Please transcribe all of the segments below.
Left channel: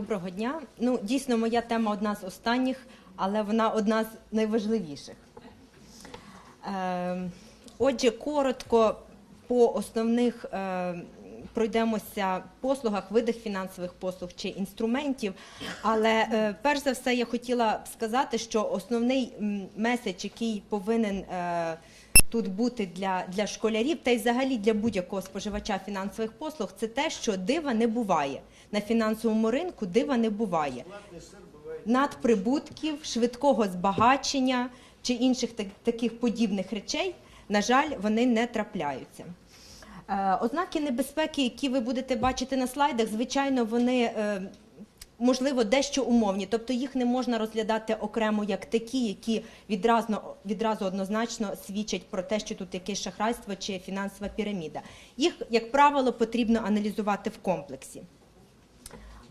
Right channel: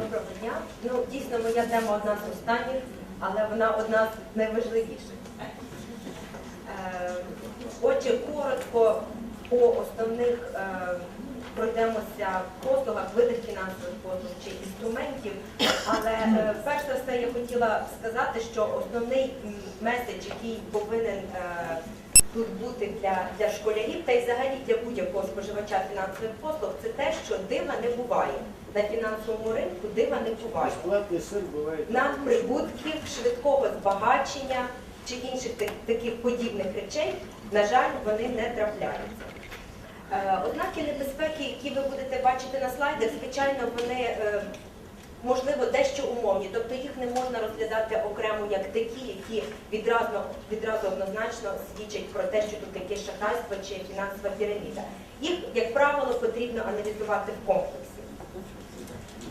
Доброго дня. Ну, дійсно, моя тема одна з останніх, але вона одна з найважливіших. Е, Отже, коротко по основних е, пройдемося послугах, видах фінансових послуг чи інструментів. Але е, перш за все я хотіла сказати, що основний меседж, який повинен тут бути для, для школярів, та й взагалі для будь-якого споживача фінансових послуг, це те, що дива не буває На фінансовому ринку дива не буває Бесплатный сыр бывает. надприбутків, швидкого збагачення чи інших так- таких подібних речей, на жаль, вони не трапляються. Е, Ознаки небезпеки, які ви будете бачити на слайдах, звичайно, вони е, можливо дещо умовні, тобто їх не можна розглядати окремо як такі, які відразу, відразу однозначно свідчать про те, що тут якесь шахрайство чи фінансова піраміда. Їх, як правило, потрібно аналізувати в комплексі.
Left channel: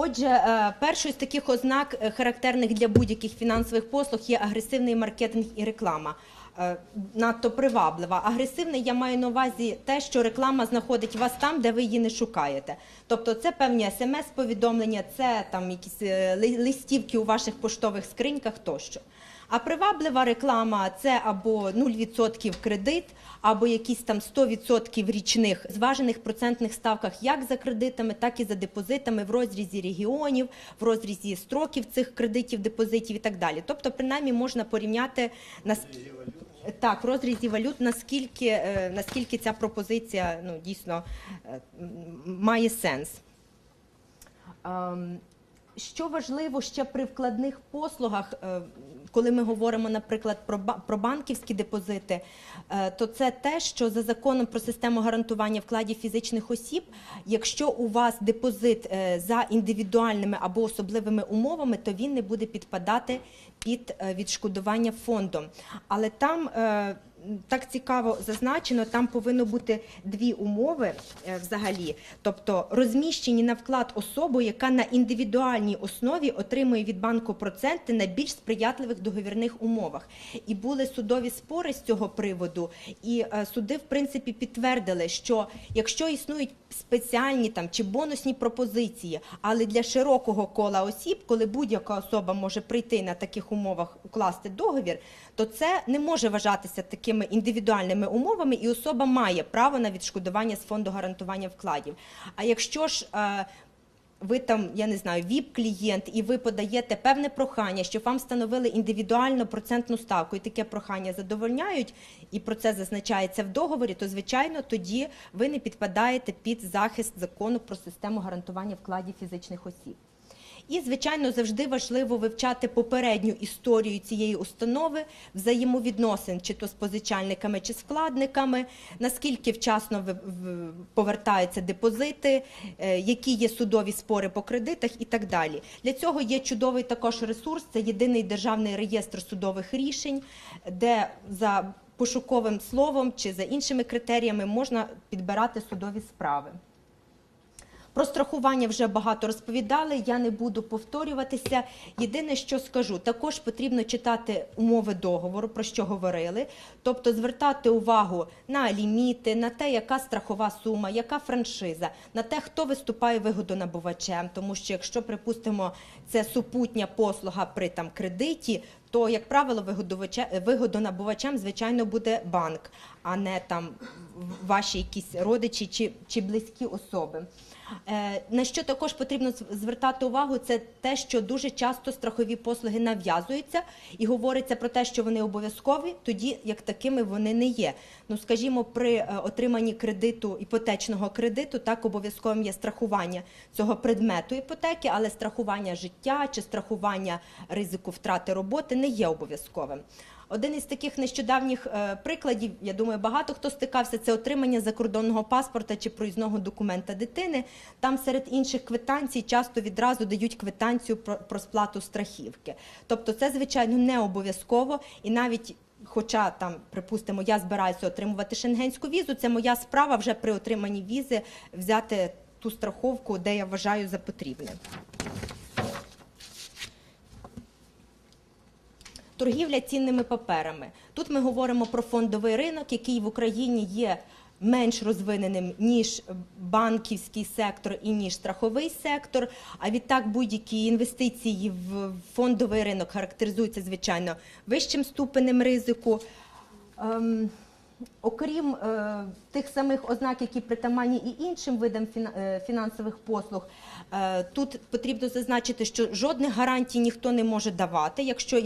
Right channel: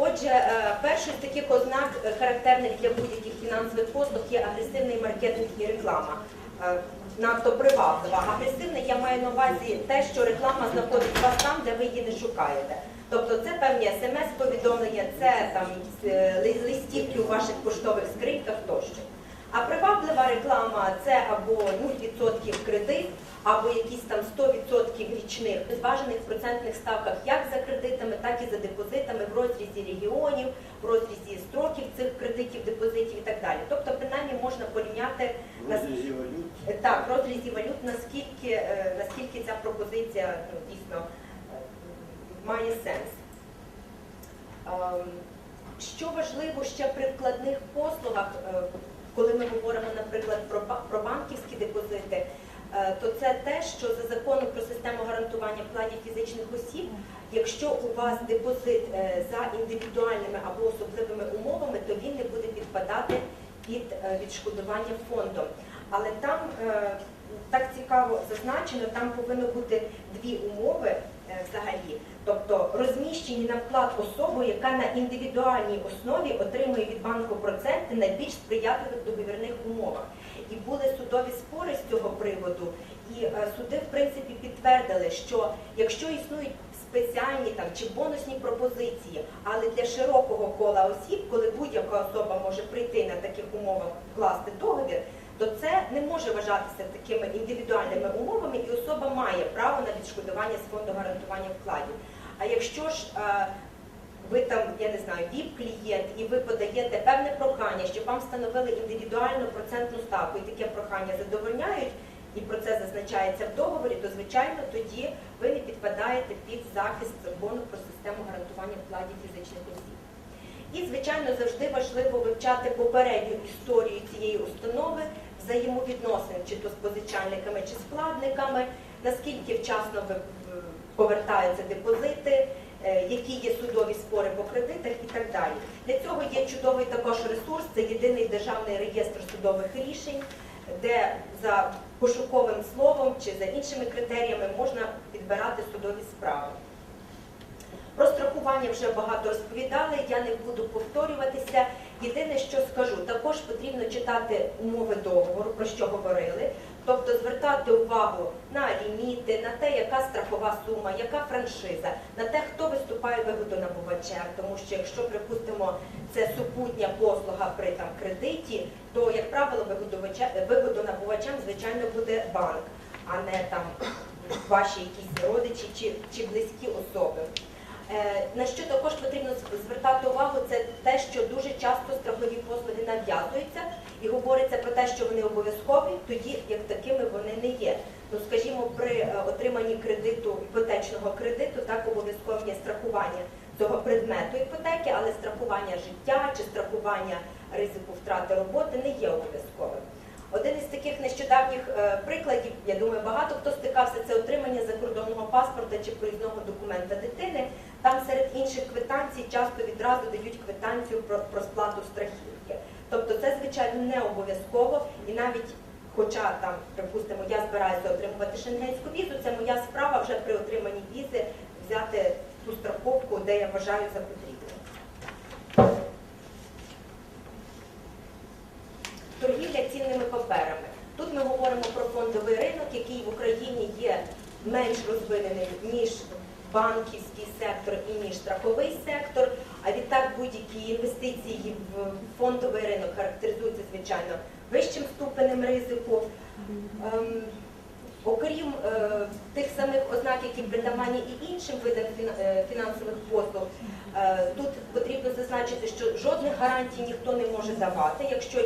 Отже, е, першою з таких ознак, е, характерних для будь-яких фінансових послуг, є агресивний маркетинг і реклама. Е, Надто приваблива. Агресивний я маю на увазі те, що реклама знаходить вас там, де ви її не шукаєте. Тобто це певні смс-повідомлення, це там якісь листівки у ваших поштових скриньках тощо. А приваблива реклама це або 0% кредит, або якісь там 100% річних зважених процентних ставках як за кредитами, так і за депозитами в розрізі регіонів, в розрізі строків цих кредитів, депозитів і так далі. Тобто, принаймні можна порівняти на так, в розрізі валют, наскільки, е, наскільки ця пропозиція ну, дійсно е, має сенс. Ем, Що важливо ще при вкладних послугах, е, коли ми говоримо, наприклад, про банківські депозити, то це те, що за законом про систему гарантування вкладів фізичних осіб, якщо у вас депозит е, за індивідуальними або особливими умовами, то він не буде підпадати під е, відшкодування фондом. Але там е, так цікаво зазначено, там повинно бути дві умови е, взагалі, тобто розміщені на вклад особу, яка на індивідуальній основі отримує від банку проценти на більш сприятливих договірних умовах. І були судові спори з цього приводу, і е, суди в принципі підтвердили, що якщо існують спеціальні там чи бонусні пропозиції, але для широкого кола осіб, коли будь-яка особа може прийти на таких умовах укласти договір, то це не може вважатися такими індивідуальними умовами, і особа має право на відшкодування з фонду гарантування вкладів. А якщо ж е, ви там, я не знаю, ВІП-клієнт, і ви подаєте певне прохання, щоб вам встановили індивідуальну процентну ставку, і таке прохання задовольняють, і про це зазначається в договорі, то звичайно тоді ви не підпадаєте під захист закону про систему гарантування вкладів фізичних осіб. І, звичайно, завжди важливо вивчати попередню історію цієї установи, взаємовідносин, чи то з позичальниками, чи з вкладниками, наскільки вчасно повертаються депозити, е, які є судові спори по кредитах і так далі. Для цього є чудовий також ресурс, це єдиний державний реєстр судових рішень, де за пошуковим словом чи за іншими критеріями можна підбирати судові справи. Про страхування вже багато розповідали, я не буду повторюватися. Єдине, що скажу, також потрібно читати умови договору, про що говорили, тобто звертати увагу на ліміти, на те, яка страхова сума, яка франшиза, на те, хто виступає вигодонабувачем, тому що якщо, припустимо, це супутня послуга при там кредиті, то, як правило, вигодонабувачем, звичайно, буде банк, а не там ваші якісь родичі чи, чи близькі особи. Е, На що також потрібно звертати увагу, це те, що дуже часто страхові послуги нав'язуються і говориться про те, що вони обов'язкові, тоді як такими вони не є. Ну, скажімо, при е, отриманні кредиту іпотечного кредиту так обов'язковим є страхування цього предмету іпотеки, але страхування життя чи страхування ризику втрати роботи не є обов'язковим. Один із таких нещодавніх е, прикладів, я думаю, багато хто стикався, це отримання закордонного паспорта чи проїзного документа дитини. Там серед інших квитанцій часто відразу дають квитанцію про, сплату страхівки. Тобто це, звичайно, не обов'язково і навіть. Хоча там, припустимо, я збираюся отримувати шенгенську візу, це моя справа вже при отриманні візи взяти ту страховку, де я вважаю за потрібне. Торгівля цінними паперами. Тут ми говоримо про фондовий ринок, який в Україні є менш розвиненим ніж банківський сектор і ніж страховий сектор. А відтак будь-які інвестиції в фондовий ринок характеризуються звичайно вищим ступенем ризику. Ем, Окрім е, тих самих ознак, які притаманні і іншим видам е, фінансових послуг, тут потрібно зазначити, що жодних гарантій ніхто не може давати. Якщо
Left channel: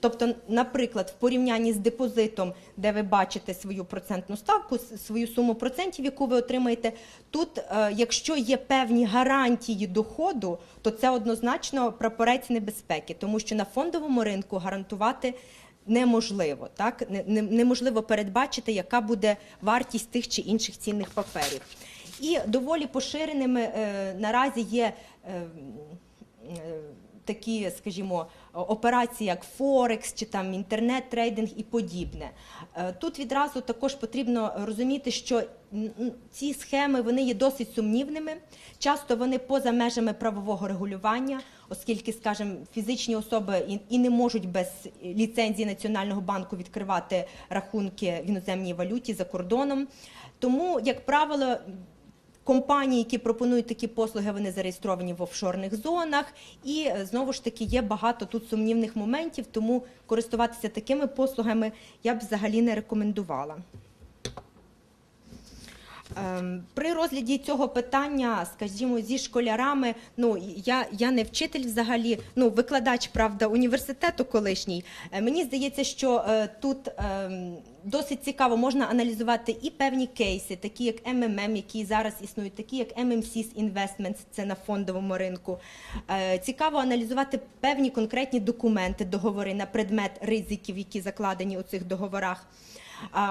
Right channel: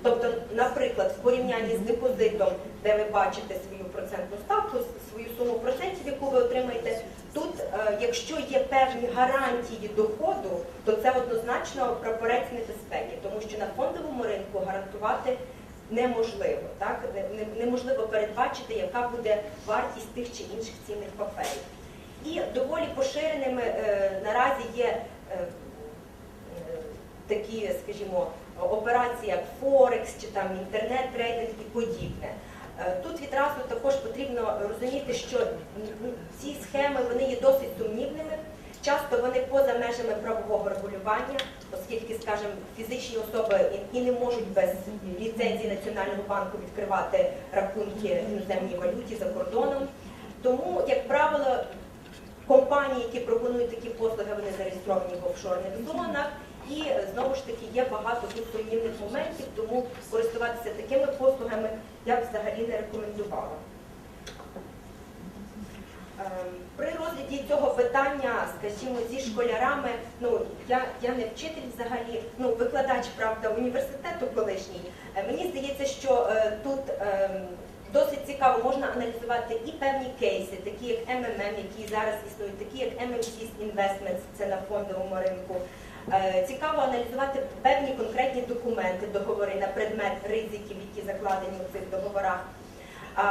тобто, наприклад, в порівнянні з депозитом, де ви бачите свою процентну ставку, свою суму процентів, яку ви отримаєте, тут, е, якщо є певні гарантії доходу, то це однозначно прапорець небезпеки, тому що на фондовому ринку гарантувати неможливо. Так? Не- не- Неможливо передбачити, яка буде вартість тих чи інших цінних паперів. І доволі поширеними е, наразі є е, е, такі, скажімо, операції, як Форекс чи там інтернет-трейдинг і подібне. Тут відразу також потрібно розуміти, що ці схеми вони є досить сумнівними. Часто вони поза межами правового регулювання, оскільки, скажімо, фізичні особи і не можуть без ліцензії Національного банку відкривати рахунки в іноземній валюті за кордоном. Тому, як правило, компанії, які пропонують такі послуги, вони зареєстровані в офшорних зонах. І е, знову ж таки є багато тут сумнівних моментів, тому користуватися такими послугами я б взагалі не рекомендувала. Ем, При розгляді цього питання, скажімо, зі школярами, ну я, я не вчитель взагалі, ну викладач, правда, університету колишній. Е, Мені здається, що е, тут ем, досить цікаво можна аналізувати і певні кейси, такі як MMM, які зараз існують, такі як MMC's Investments, це на фондовому ринку. Е, Цікаво аналізувати певні конкретні документи, договори на предмет ризиків, які закладені у цих договорах.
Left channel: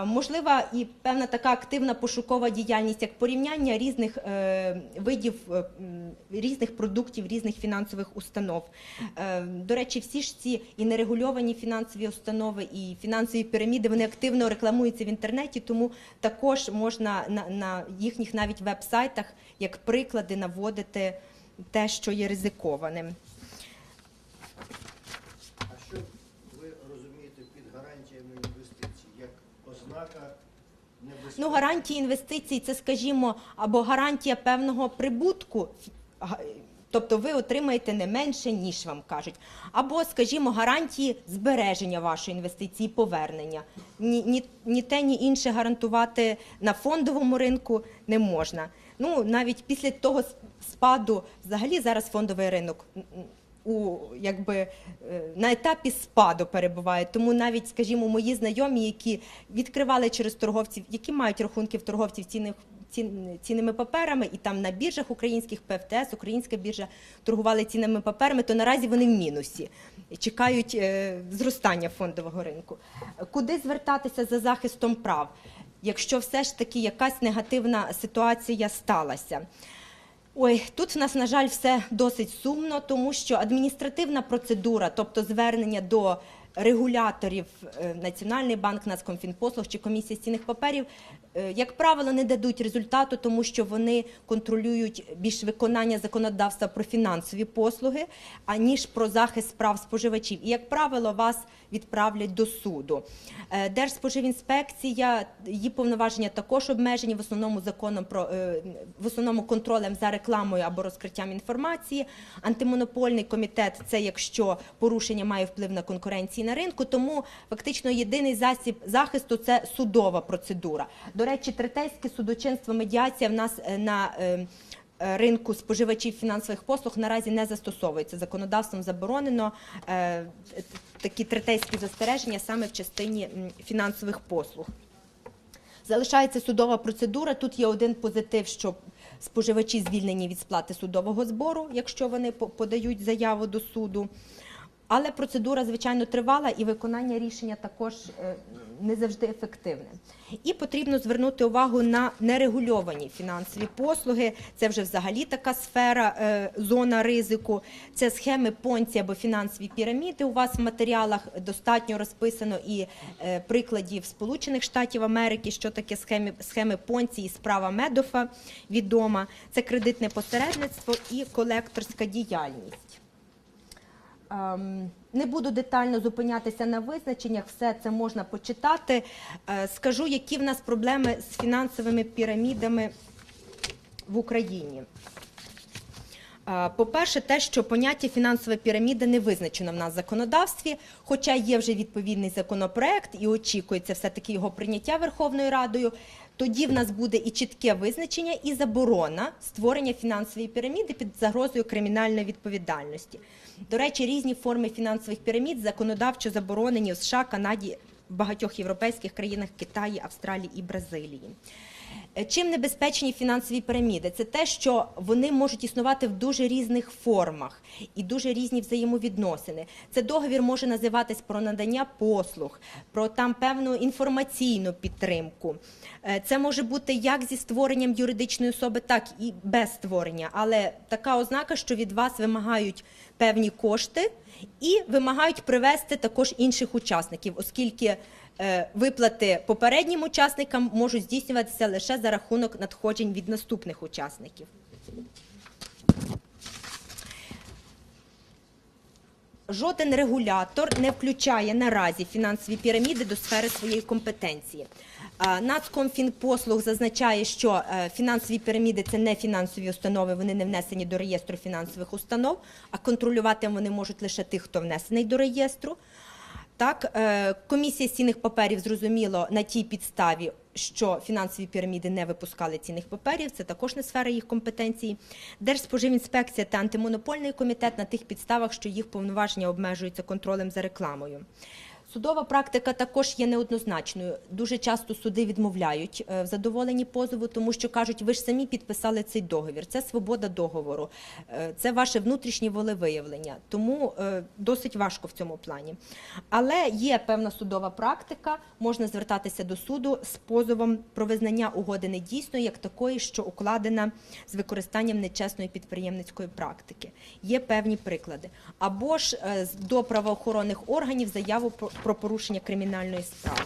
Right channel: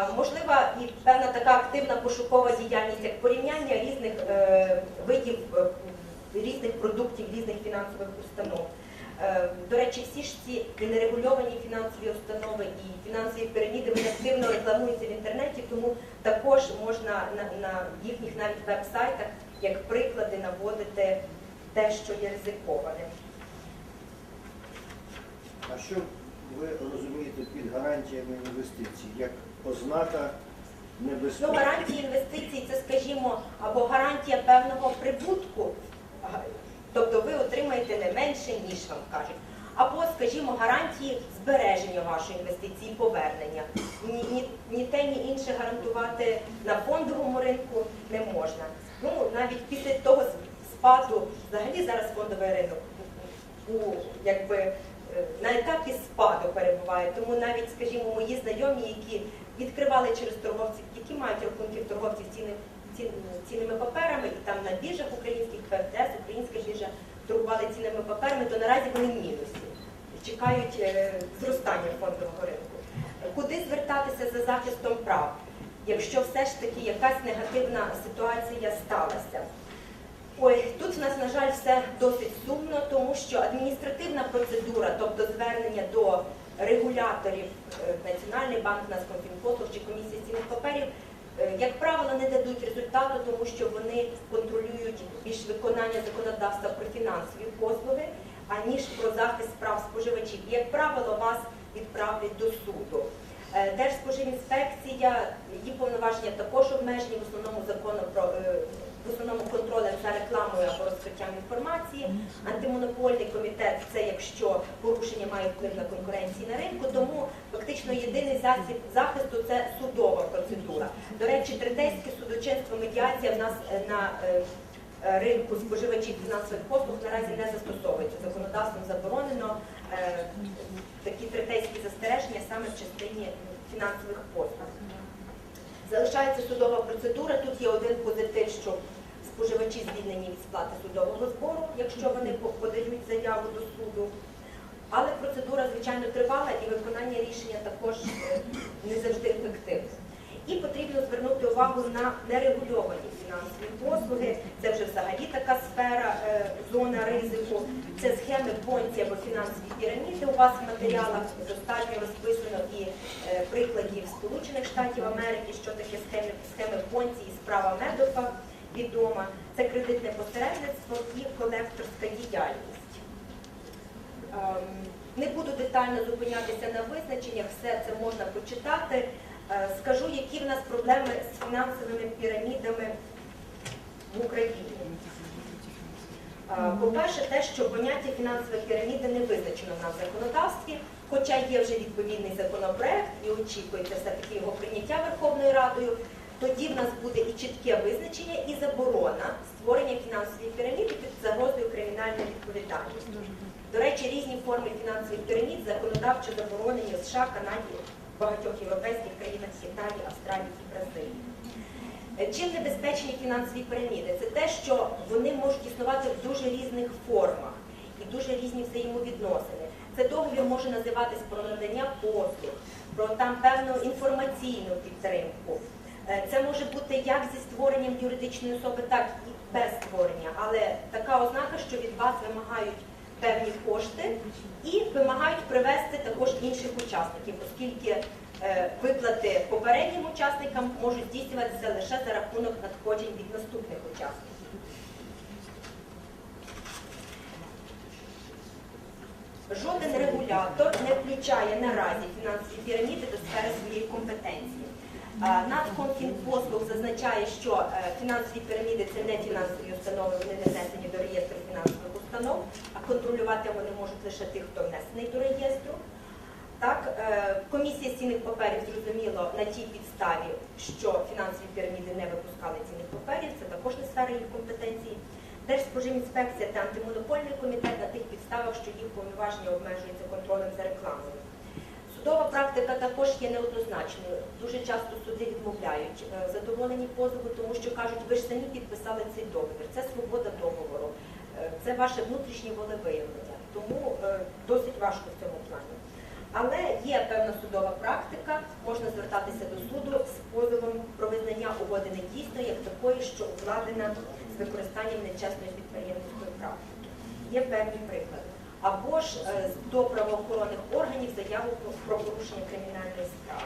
Можлива і певна така активна пошукова діяльність, як порівняння різних е, видів е, різних продуктів, різних фінансових установ. Е, До речі, всі ж ці і нерегульовані фінансові установи, і фінансові піраміди вони активно рекламуються в інтернеті, тому також можна на, їхніх навіть веб-сайтах як приклади наводити те, що є ризикованим. А що ви розумієте під гарантіями інвестицій? Ознака небезпеки? Ну, гарантії інвестицій це, скажімо, або гарантія певного прибутку, тобто ви отримаєте не менше, ніж вам кажуть. Або, скажімо, гарантії збереження вашої інвестиції, повернення. Ні, ні, ні те, ні інше гарантувати на фондовому ринку не можна. Ну, навіть після того спаду, взагалі зараз фондовий ринок у якби на етапі спаду перебуває. Тому навіть, скажімо, мої знайомі, які відкривали через торговців, які мають рахунки в торговців цінним, цінними паперами, і там на біржах українських ПФТС, українська біржа торгували цінними паперами, то наразі вони в мінусі. Чекають е, зростання фондового ринку. Куди звертатися за захистом прав, якщо все ж таки якась негативна ситуація сталася? Ой, тут в нас, на жаль, все досить сумно, тому що адміністративна процедура, тобто звернення до регуляторів е, Національний банк, Нацкомфінпослуг чи комісії цінних паперів, е, як правило, не дадуть результату, тому що вони контролюють більш виконання законодавства про фінансові послуги, аніж про захист прав споживачів. І, як правило, вас відправлять до суду. Е, Держспоживінспекція, її повноваження також обмежені в основному законом про в основному контролем за рекламою або розкриттям інформації. Антимонопольний комітет це якщо порушення має вплив на конкуренції на ринку. Тому фактично єдиний засіб захисту це судова процедура. До речі, третейське судочинство медіація в нас е, на е, е, ринку споживачів фінансових послуг наразі не застосовується. Законодавством заборонено такі третейські застереження саме в частині фінансових послуг. Залишається судова процедура. Тут є один позитив, що споживачі звільнені від сплати судового збору, якщо вони подають заяву до суду. Але процедура, звичайно, тривала і виконання рішення також е, не завжди ефективне. І потрібно звернути увагу на нерегульовані фінансові послуги. Це вже взагалі така сфера, е, зона ризику. Це схеми понці або фінансові піраміди. У вас в матеріалах достатньо розписано і е, прикладів Сполучених Штатів Америки, що таке схеми, схеми понці і справа Медофа відома. Це кредитне посередництво і колекторська діяльність. Ем, Не буду детально зупинятися на визначеннях, все це можна почитати. Е, Скажу, які в нас проблеми з фінансовими пірамідами в Україні. По-перше, те, що поняття фінансова піраміда не визначено в нас в законодавстві, хоча є вже відповідний законопроект і очікується все-таки його прийняття Верховною Радою. Тоді в нас буде і чітке визначення, і заборона створення фінансової піраміди під загрозою кримінальної відповідальності. До речі, різні форми фінансових пірамід законодавчо заборонені в США, Канаді, багатьох європейських країнах, Китаї, Австралії і Бразилії. Е, Чим небезпечні фінансові піраміди? Це те, що вони можуть існувати в дуже різних формах і дуже різні взаємовідносини. Це договір може називатись про надання послуг, про там певну інформаційну підтримку. Е, Це може бути як зі створенням юридичної особи, так і без створення, але така ознака, що від вас вимагають певні кошти і вимагають привести також інших учасників, оскільки е, виплати попереднім учасникам можуть здійснюватися лише за рахунок надходжень від наступних учасників. Жоден регулятор не включає наразі фінансові піраміди до сфери своєї компетенції. Нацкомфінпослуг зазначає, що е, фінансові піраміди це не фінансові установи, вони не внесені до реєстру фінансових установ, а контролювати вони можуть лише тих, хто внесений до реєстру. Так, е, комісія цінних паперів зрозуміло на тій підставі, що фінансові піраміди не випускали цінних паперів, це також не сфера їх компетенції. Держспоживінспекція та антимонопольний комітет на тих підставах, що їх повноваження обмежуються контролем за рекламою. Судова практика також є неоднозначною. Дуже часто суди відмовляють е, в задоволенні позову, тому що кажуть, ви ж самі підписали цей договір. Це свобода договору, е, це ваше внутрішнє волевиявлення. Тому е, досить важко в цьому плані. Але є певна судова практика, можна звертатися до суду з позовом про визнання угоди недійсною як такої, що укладена з використанням нечесної підприємницької практики. Є певні приклади. Або ж е, до правоохоронних органів заяву про- порушення кримінальної справи.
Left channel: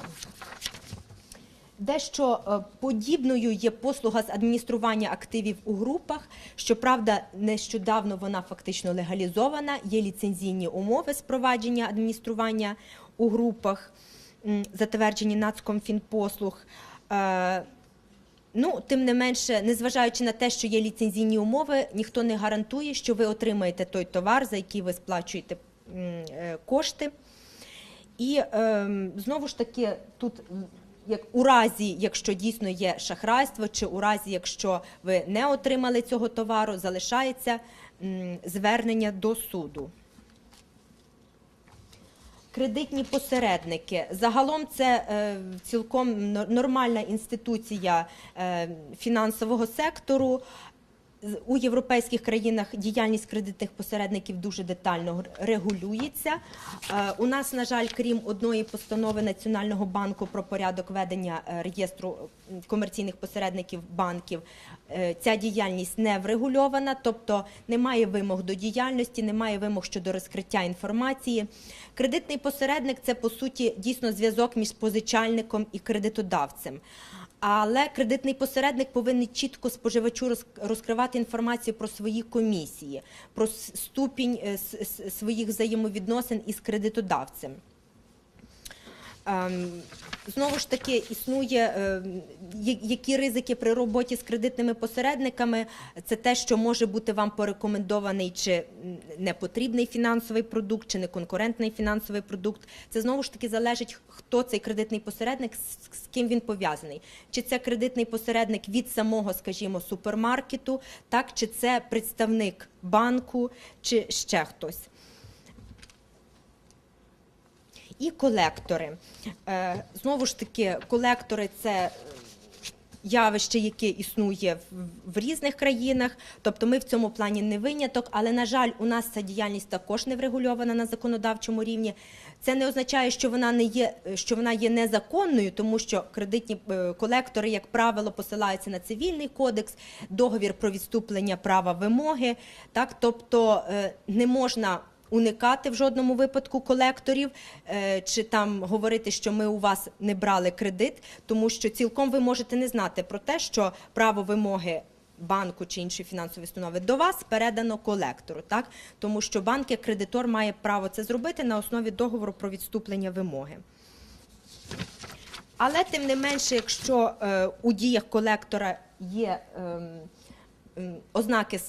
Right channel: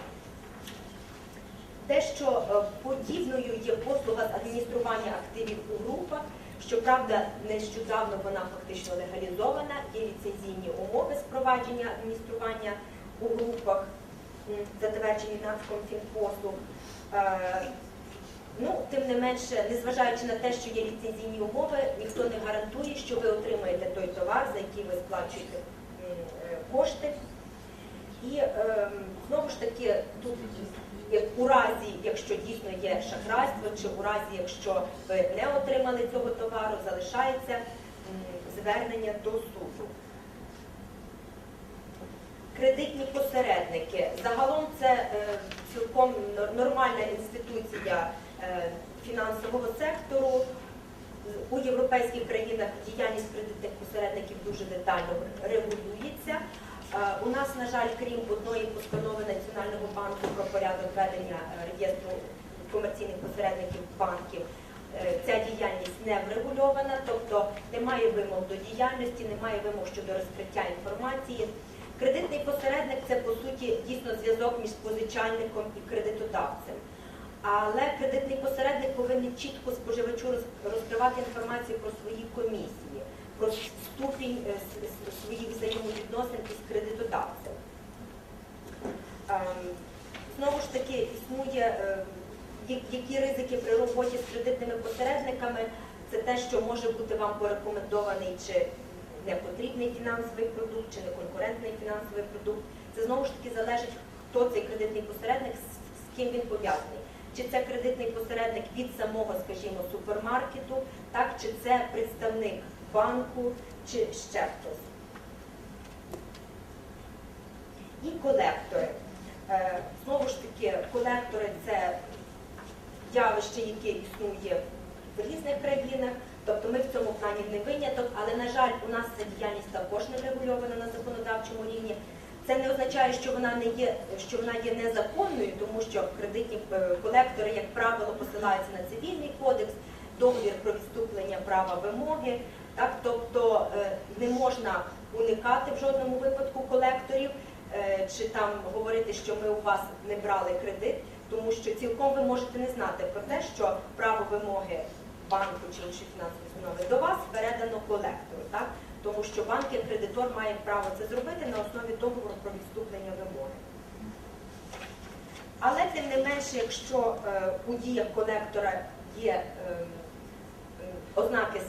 Дещо е, подібною є послуга з адміністрування активів у групах. Щоправда, нещодавно вона фактично легалізована. Є ліцензійні умови з провадження адміністрування у групах, затверджені Нацкомфінпослуг. Ну, тим не менше, незважаючи на те, що є ліцензійні умови, ніхто не гарантує, що ви отримаєте той товар, за який ви сплачуєте е, кошти. І ем, знову ж таки, тут у разі, якщо дійсно є шахрайство, чи у разі, якщо ви не отримали цього товару, залишається звернення до суду. Кредитні посередники. Загалом це е, цілком нормальна інституція фінансового сектору. У європейських країнах діяльність кредитних посередників дуже детально регулюється. Е, У нас, на жаль, крім одної постанови Національного банку про порядок ведення е, реєстру комерційних посередників банків, е, ця діяльність не врегульована, тобто немає вимог до діяльності, немає вимог щодо розкриття інформації. Кредитний посередник це по суті дійсно зв'язок між позичальником і кредитодавцем. Але кредитний посередник повинен чітко споживачу розкривати інформацію про свої комісії, про ступінь е, своїх взаємовідносин із кредитодавцем. Ем, Знову ж таки, існує ем, які ризики при роботі з кредитними посередниками. Це те, що може бути вам порекомендований чи непотрібний фінансовий продукт, чи неконкурентний фінансовий продукт. Це знову ж таки залежить, хто цей кредитний посередник, з ким він пов'язаний. Чи це кредитний посередник від самого, скажімо, супермаркету, так чи це представник банку, чи ще хтось. І колектори. Е, Знову ж таки, колектори це явище, яке існує в- в різних країнах. Тобто ми в цьому плані не виняток, але на жаль, у нас ця діяльність також не врегульована на законодавчому рівні. Це не означає, що вона не є, що вона є незаконною, тому що кредитні е, колектори, як правило, посилаються на цивільний кодекс, договір про відступлення права вимоги. Так, тобто е, не можна уникати в жодному випадку колекторів, е, чи там говорити, що ми у вас не брали кредит, тому що цілком ви можете не знати про те, що право вимоги банку чи іншої фінансової установи до вас передано колектору, так тому що банк як кредитор має право це зробити на основі договору про відступлення вимоги. Але тим не менше, якщо е, у діях колектора є ем, ознаки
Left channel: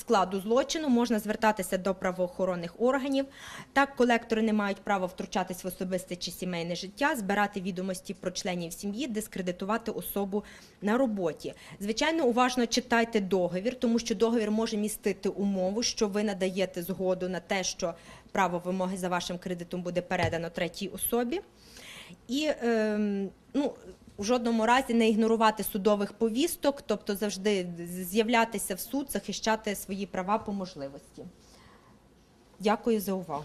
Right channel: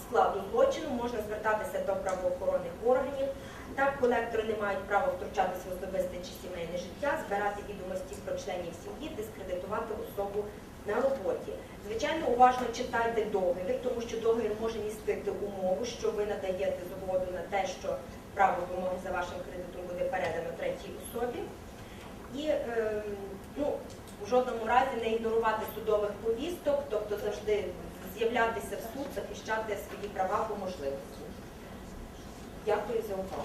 складу злочину, можна звертатися до правоохоронних органів. Так, колектори не мають права втручатись в особисте чи сімейне життя, збирати відомості про членів сім'ї, дискредитувати особу на роботі. Звичайно, уважно читайте договір, тому що договір може містити умову, що ви надаєте згоду на те, що право вимоги за вашим кредитом буде передано третій особі. І ем, ну, в жодному разі не ігнорувати судових повісток, тобто завжди з'являтися в суд, захищати свої права по можливості. Дякую за увагу.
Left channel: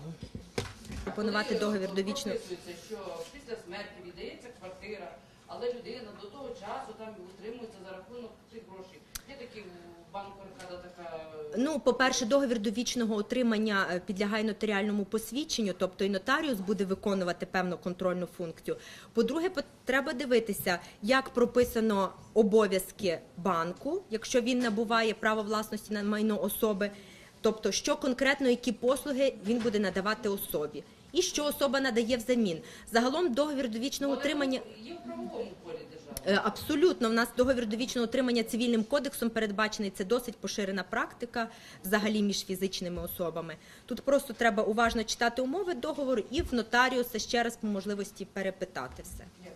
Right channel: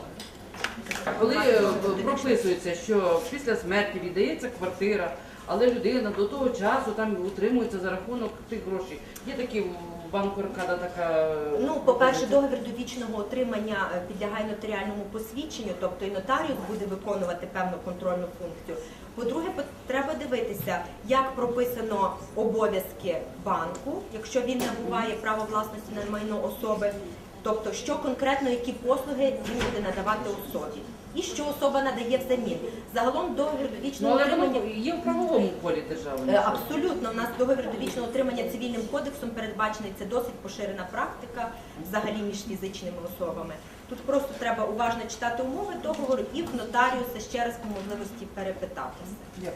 Коли е, прописується, що після смерті віддається квартира, але людина до того часу там утримується за рахунок тих грошей. Є такі в банку Аркада така. е, Ну, по-перше, договір довічного отримання е, підлягає нотаріальному посвідченню, тобто і нотаріус буде виконувати певну контрольну функцію. По-друге, треба дивитися, як прописано обов'язки банку, якщо він набуває право власності на майно особи, тобто що конкретно які послуги він буде надавати особі. І що особа надає взамін. Загалом договір Ну, довічного але отримання є в правовому полі держави. Е, Абсолютно, у нас договір довічного отримання цивільним кодексом передбачений. Це досить поширена практика взагалі між фізичними особами. Тут просто треба уважно читати умови договору і в нотаріуса ще раз по можливості перепитати все.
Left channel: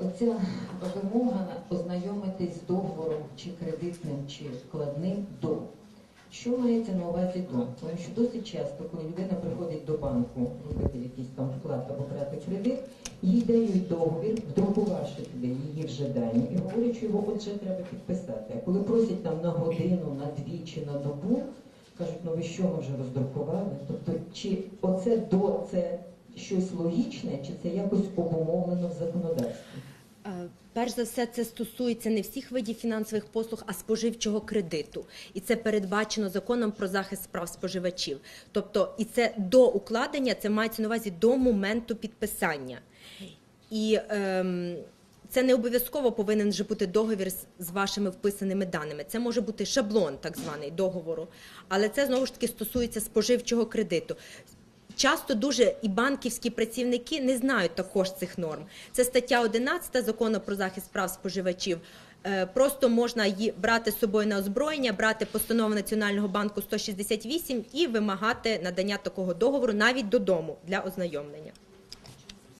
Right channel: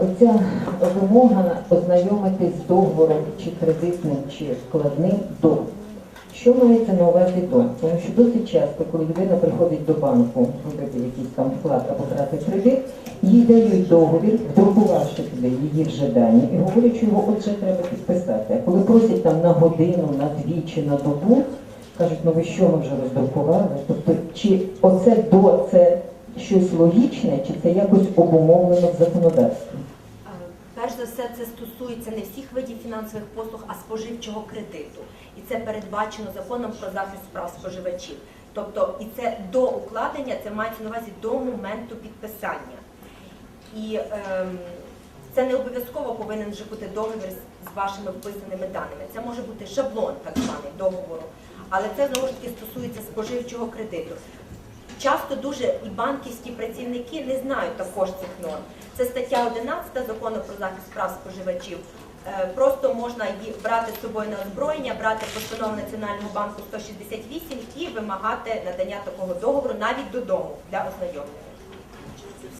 Оця вимога ознайомитись з договором чи кредитним, чи вкладним до. Що мається на увазі до? Тому що досить часто, коли людина приходить до банку робити якийсь там вклад або брати кредит, їй дають договір, вдрукувавши туди її вже дані, і говорять, що його отже треба підписати. А коли просять там на годину, на дві чи на добу, кажуть, ну ви що ми вже роздрукували? Тобто, чи оце до це щось логічне, чи це якось обумовлено в законодавстві? Перш за все, це стосується не всіх видів фінансових послуг, а споживчого кредиту. І це передбачено законом про захист прав споживачів. Тобто, і це до укладення, це мається на увазі до моменту підписання. І ем, це не обов'язково повинен же бути договір з вашими вписаними даними. Це може бути шаблон, так званий договору. Але це знову ж таки стосується споживчого кредиту. Часто дуже і банківські працівники не знають також цих норм. Це стаття 11 закону про захист прав споживачів. Е, Просто можна її брати з собою на озброєння, брати постанову Національного банку 168 і вимагати надання такого договору навіть додому для ознайомлення.